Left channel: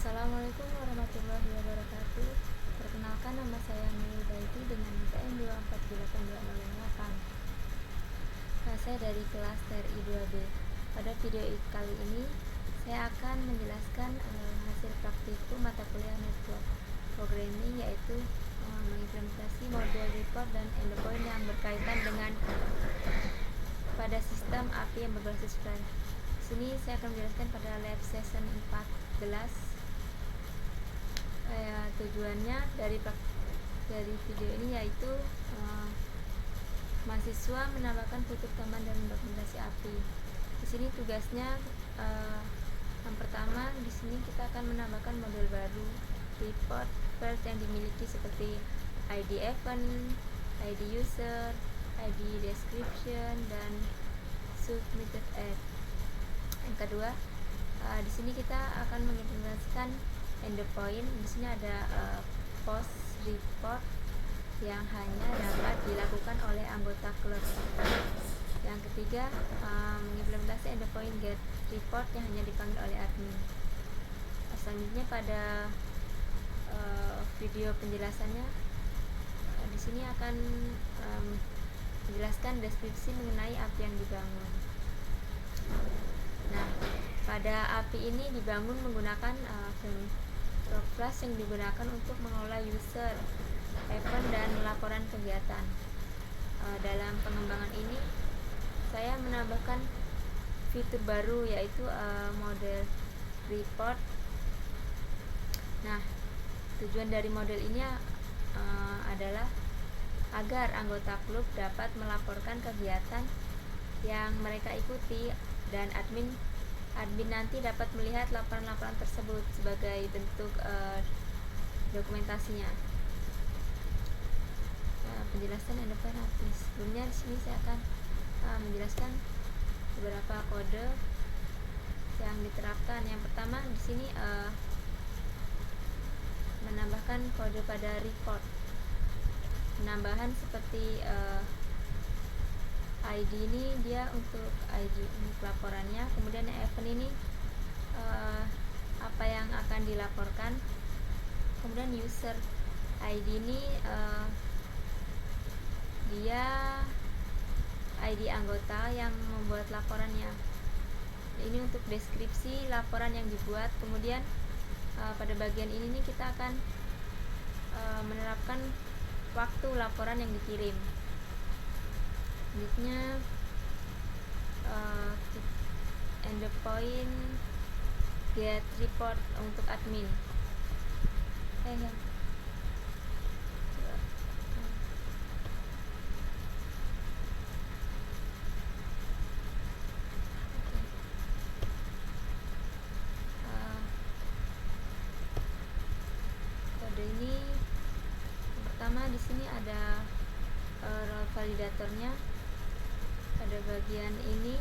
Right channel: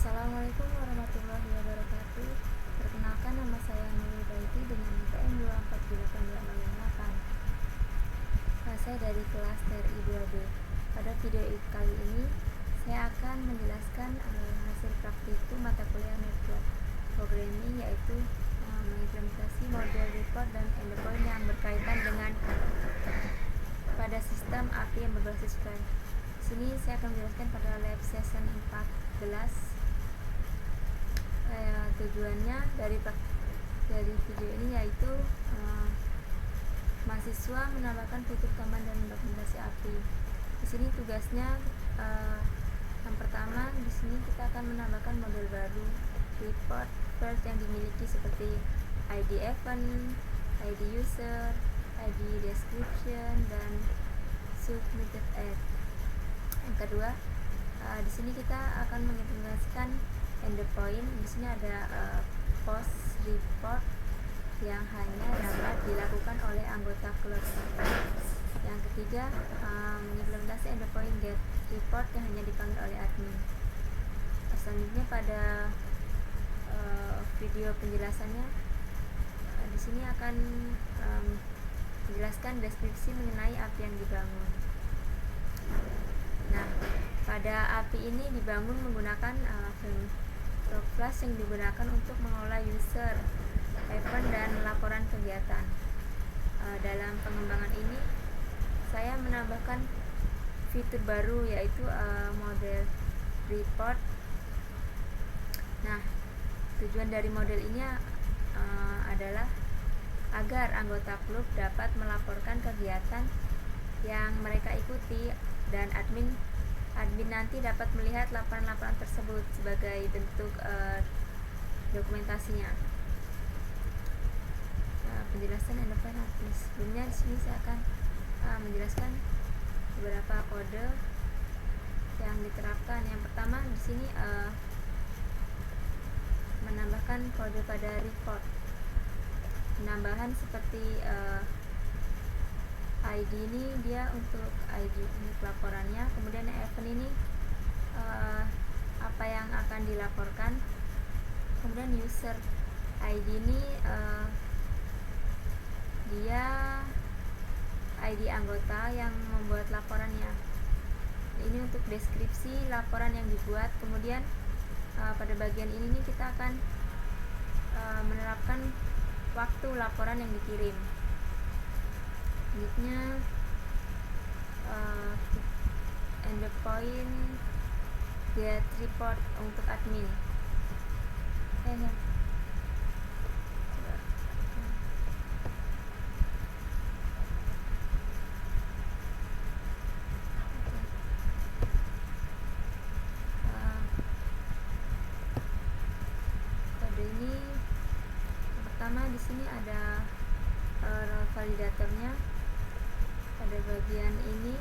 Assalamualaikum warahmatullahi wabarakatuh. Perkenalkan, nama saya Nurul Baiti dengan NPM 2482808. Saya dari kelas TRI 2B. Pada video kali ini saya akan menjelaskan hasil praktikum mata kuliah Network Programming, yaitu mengimplementasi model report dan endpoint yang berkaitan dengan pada sistem API yang berbasis file. Sini saya akan menjelaskan pada lab session 14. Tujuannya dari video ini yaitu mahasiswa menambahkan fitur command dan dokumentasi API. Di sini tugasnya yang pertama, di sini kita akan menambahkan model baru report field yang dimiliki seperti ID event, ID user, ID description, dan submitted ad. Yang kedua, di sini kita akan mengimplementasikan endpoint. Di sini ada post report yang hanya dapat dilakukan oleh anggota kelas. Yang ketiga, mengimplementasi endpoint get report yang hanya dipanggil oleh admin. Selanjutnya pada video penjelasannya, di sini akan menjelaskan deskripsi mengenai API yang dibangun. Nah, pada API ini dibangun menggunakan framework Flash yang digunakan untuk mengelola user, event, dan laporan kegiatan. Dalam pengembangan ini, saya menambahkan fitur baru yaitu model report. Nah, tujuan dari model ini adalah agar anggota klub dapat melaporkan kegiatan yang mereka ikuti, dan admin nanti dapat melihat laporan-laporan tersebut sebagai bentuk dokumentasinya. Penjelasan endpoint API. Sebelumnya di sini saya akan menjelaskan beberapa kode yang diterapkan. Yang pertama di sini menambahkan kode pada report. Penambahan seperti ID ini dia untuk ID untuk laporannya, kemudian event ini apa yang akan dilaporkan, kemudian user ID ini dia ID anggota yang membuat laporannya. Ini untuk deskripsi laporan yang dibuat. Kemudian pada bagian ini nih kita akan menerapkan waktu laporan yang dikirim. Selanjutnya endpoint get report untuk admin. Kode ini yang pertama di sini ada role validatornya pada bagian ini.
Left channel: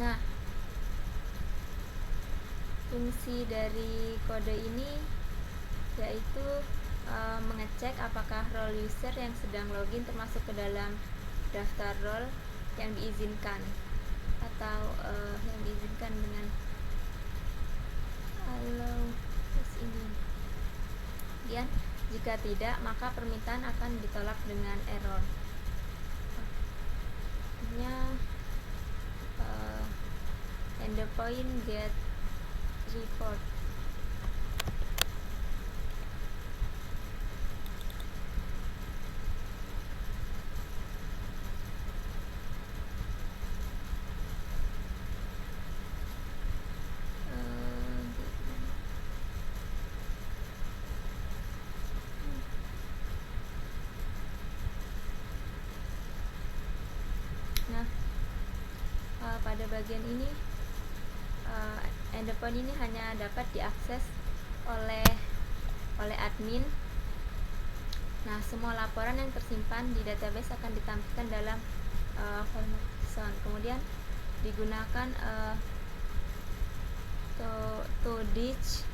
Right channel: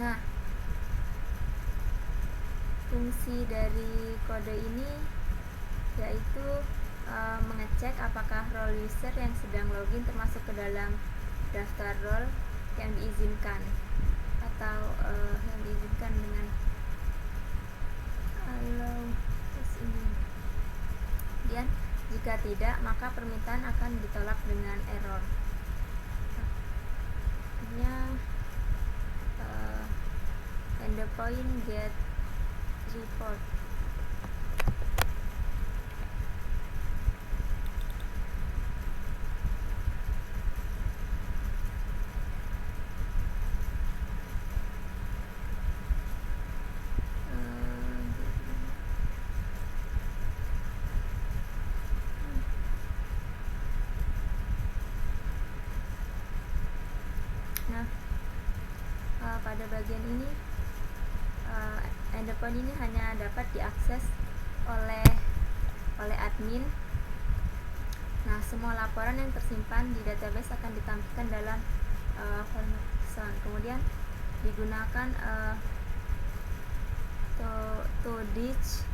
Nah, fungsi dari kode ini yaitu mengecek apakah role user yang sedang login termasuk ke dalam daftar role yang diizinkan atau yang diizinkan dengan allow ini. Kemudian jika tidak, maka permintaan akan ditolak dengan error. Endpoint get report. Pada bagian ini endpoint ini hanya dapat diakses oleh admin. Nah, semua laporan yang tersimpan di database akan ditampilkan dalam format JSON. Kemudian digunakan to ditch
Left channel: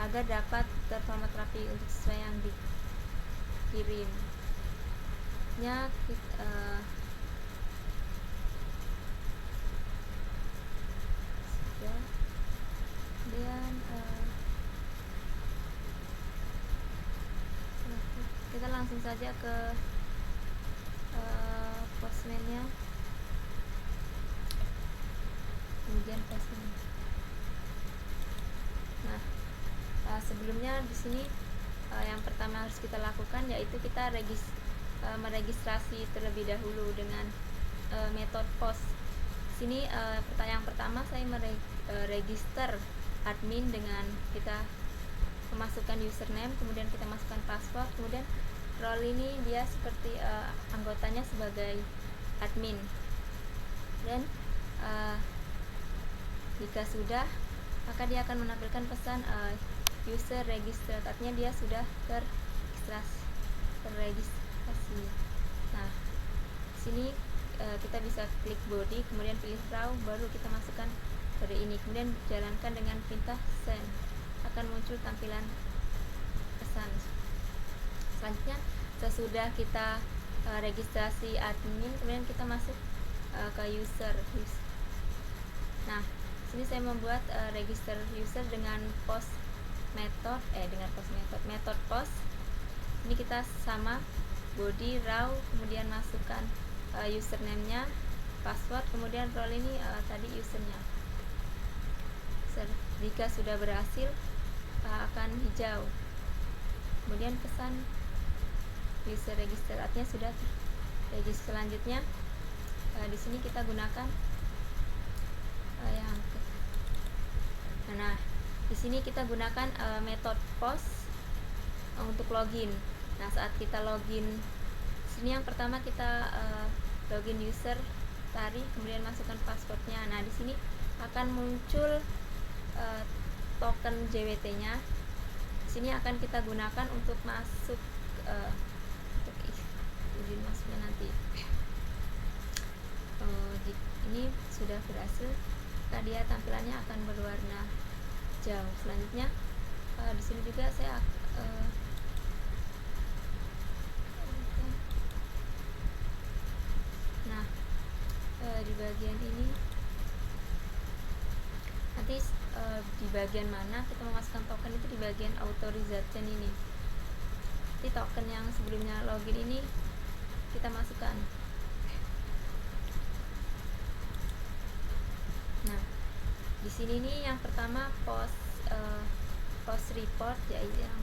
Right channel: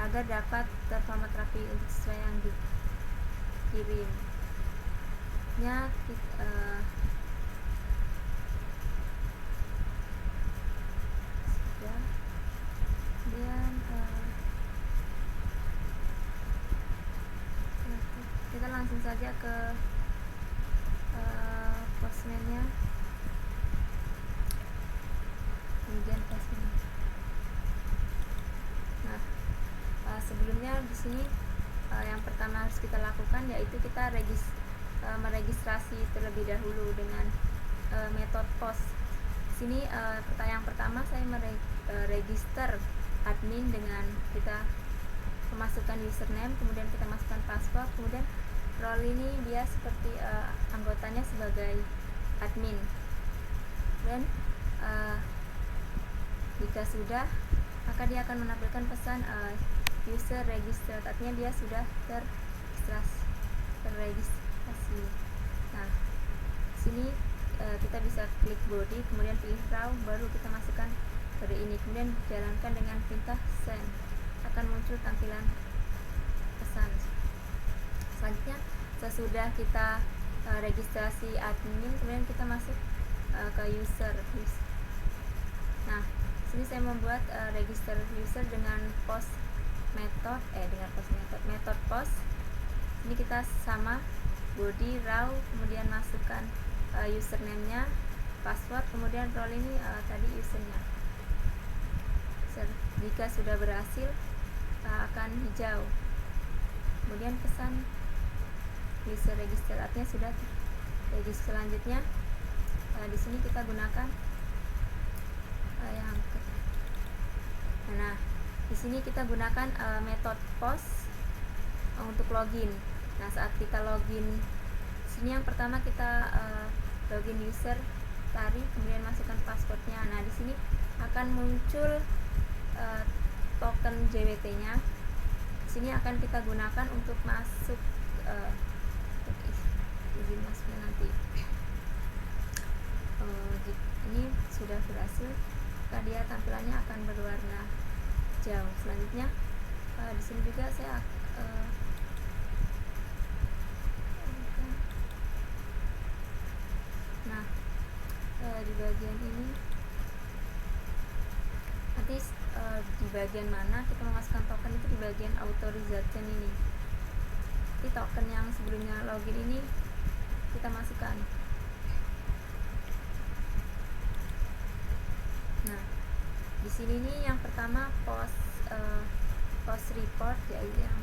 agar dapat terformat rapi untuk sesuai yang dikirim. Dia langsung saja ke postman-nya. Kemudian postman. Nah, sebelumnya di sini yang pertama harus kita lakukan yaitu kita meregistrasi terlebih dahulu dengan metode post. Di sini yang pertama saya meregister admin dengan kita memasukkan username, kemudian kita masukkan password, kemudian role ini dia seperti anggotanya sebagai admin. Dan jika sudah, maka dia akan menampilkan pesan user registered, artinya dia sudah terregistrasi. Nah, sini kita bisa klik body, kemudian pilih raw, baru kita masukkan kode ini, kemudian jalankan dengan perintah send, akan muncul tampilan pesan. Selanjutnya, sesudah kita registrasi admin, kemudian kita masuk ke user. Nah, sini saya membuat register user dengan post method post. Ini kita sama body raw, kemudian masukkan username-nya, password, kemudian role ini tadi usernya. Jika sudah berhasil akan hijau, kemudian pesan user register, artinya sudah register. Selanjutnya di sini kita gunakan nah, di sini kita gunakan metode post untuk login. Nah, saat kita login, sini yang pertama kita login user tadi, kemudian masukkan passwordnya. Nah, di sini akan muncul token JWT-nya. Sini akan kita gunakan untuk masuk izin masuknya nanti. Ini sudah berhasil, maka dia tampilannya akan berwarna hijau. Selanjutnya di sini juga saya di bagian ini nanti di bagian mana kita memasukkan token itu di bagian authorization ini. Jadi token yang sebelumnya login ini kita masukkan. Nah, di sini nih yang pertama post report, yaitu yang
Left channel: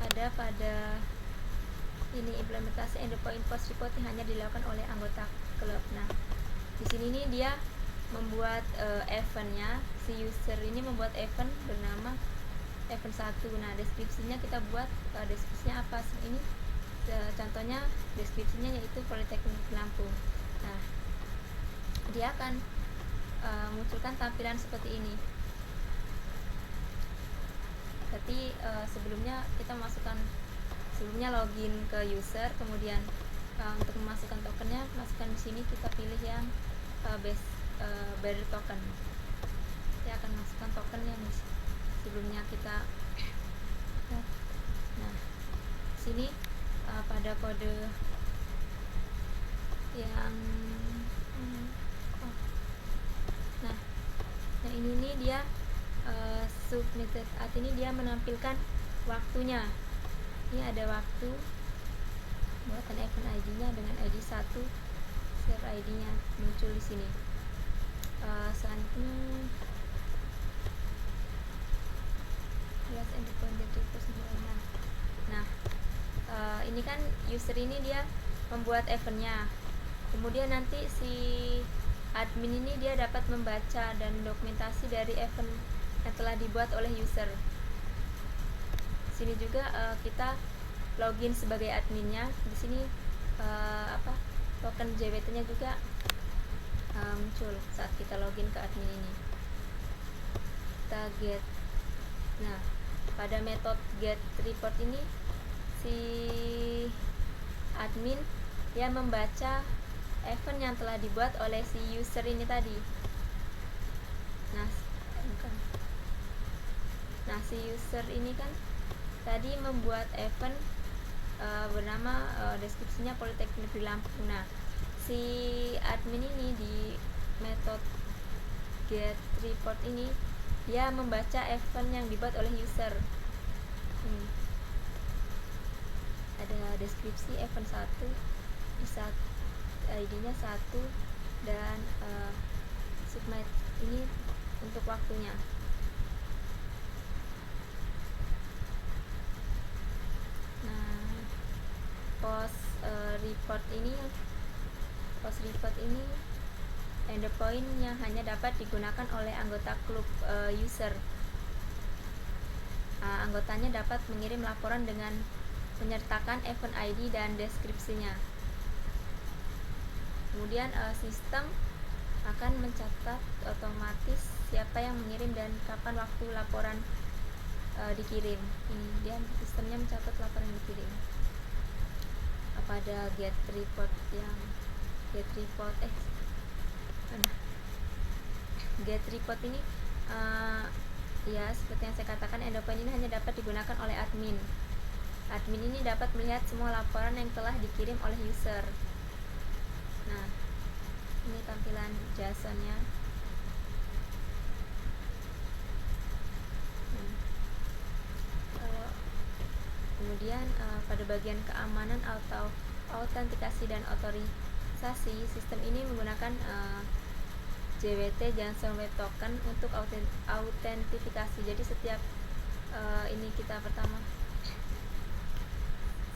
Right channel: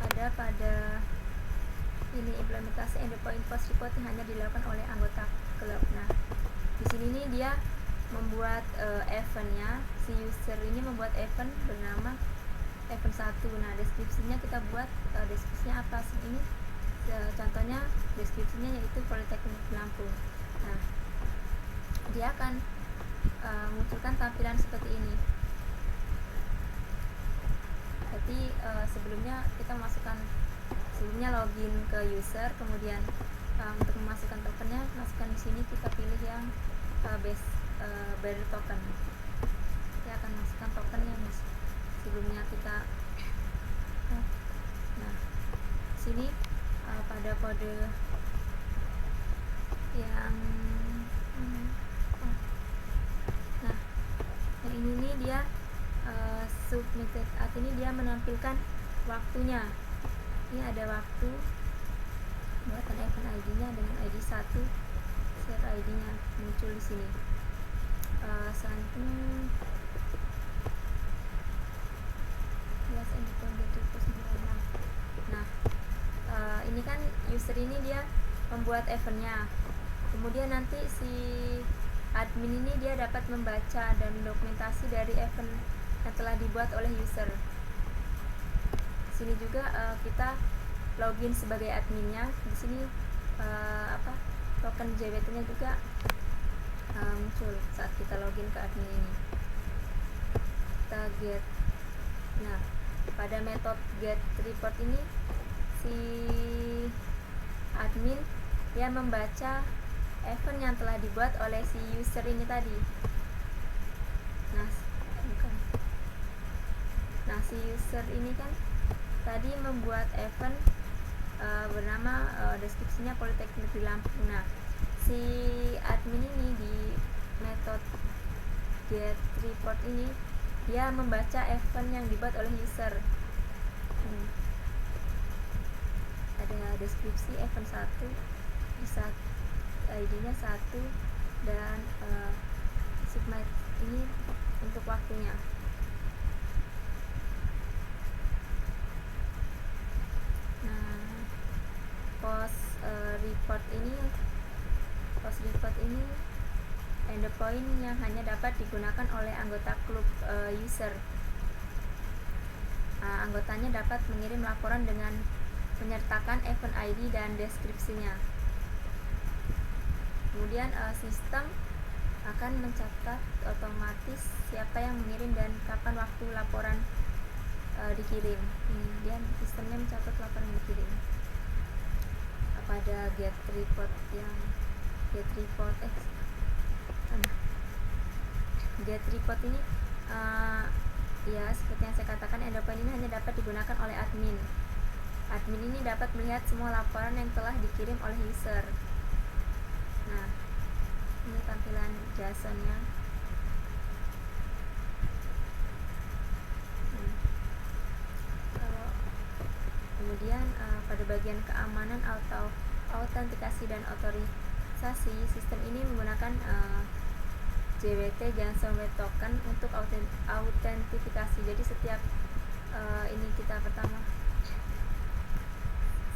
ada pada ini implementasi endpoint post report yang hanya dilakukan oleh anggota klub. Nah, di sini nih dia membuat eventnya, si user ini membuat event bernama event 1. Nah, deskripsinya kita buat deskripsinya apa? Ini contohnya deskripsinya yaitu Politeknik Lampung. Nah, dia akan munculkan tampilan seperti ini. Berarti sebelumnya kita sebelumnya login ke user, kemudian untuk memasukkan tokennya, masukkan di sini, kita pilih yang bearer token. Dia akan masukkan token yang sebelumnya kita. Nah, sini pada kode yang nah ini nih dia submitted, artinya dia menampilkan waktunya. Ini ada waktu buatan event ID-nya dengan ID 1, share ID-nya muncul di sini. Selanjutnya nah, ini kan user ini dia membuat eventnya, kemudian nanti si admin ini dia dapat membaca dan dokumentasi dari event yang telah dibuat oleh user. Sini juga kita login sebagai adminnya. Di sini token JWT-nya juga muncul saat kita login ke admin ini. Kita get. Nah, pada metode get report ini si admin dia membaca event yang telah dibuat oleh si user ini tadi. Nah, si user ini kan tadi membuat event bernama deskripsinya Politeknik di Lampung. Nah, si admin ini di metode get report ini dia membaca event yang dibuat oleh user. ada deskripsi event 1 bisa ID-nya 1 dan submit ini untuk waktunya. Nah, post report ini endpoint yang hanya dapat digunakan oleh anggota klub user. Anggotanya dapat mengirim laporan dengan menyertakan event ID dan deskripsinya. Kemudian sistem akan mencatat otomatis siapa yang mengirim dan kapan waktu laporan dikirim. Kemudian sistemnya mencatat laporan yang dikirim. Pada get report ini ya seperti yang saya katakan, endpoint ini hanya dapat digunakan oleh admin. Admin ini dapat melihat semua laporan yang telah dikirim oleh user. Nah, ini tampilan JSON-nya. Kemudian pada bagian keamanan atau autentikasi dan otorisasi, sistem ini menggunakan JWT JSON Web Token untuk autentifikasi. Jadi setiap ini kita pertama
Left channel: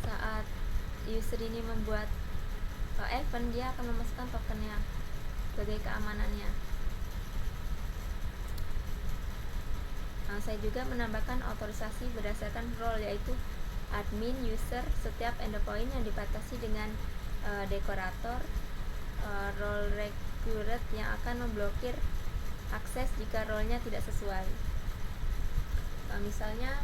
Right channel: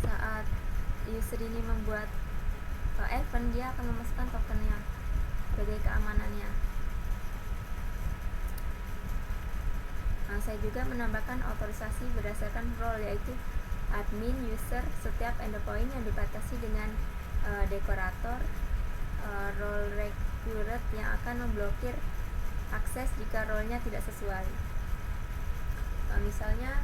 saat user ini membuat event, dia akan memasukkan tokennya sebagai keamanannya. Saya juga menambahkan otorisasi berdasarkan role, yaitu admin, user, setiap endpoint yang dibatasi dengan dekorator, role recurrent yang akan memblokir akses jika role-nya tidak sesuai. Misalnya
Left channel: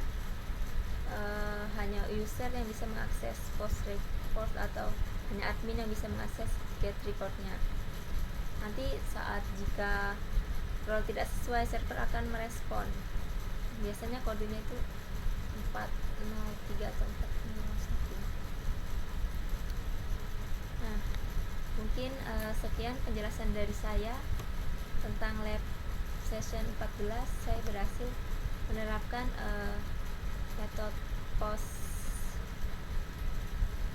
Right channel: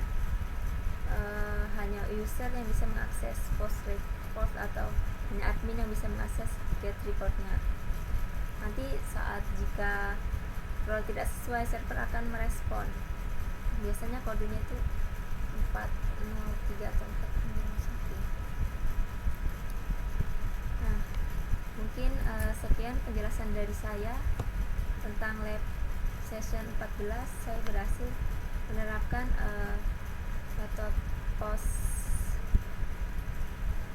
hanya user yang bisa mengakses post report atau hanya admin yang bisa mengakses get reportnya. Nanti saat jika role tidak sesuai, server akan merespon. Biasanya kodenya itu 403 atau 401. Nah, mungkin sekian penjelasan dari saya tentang lab session 14. Saya berhasil menerapkan metode post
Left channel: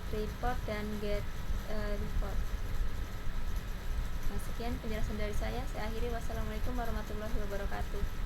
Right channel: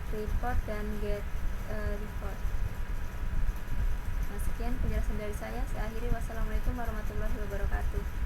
report dan get report. Nah, sekian penjelasan dari saya. Saya akhiri. Wassalamualaikum warahmatullahi wabarakatuh.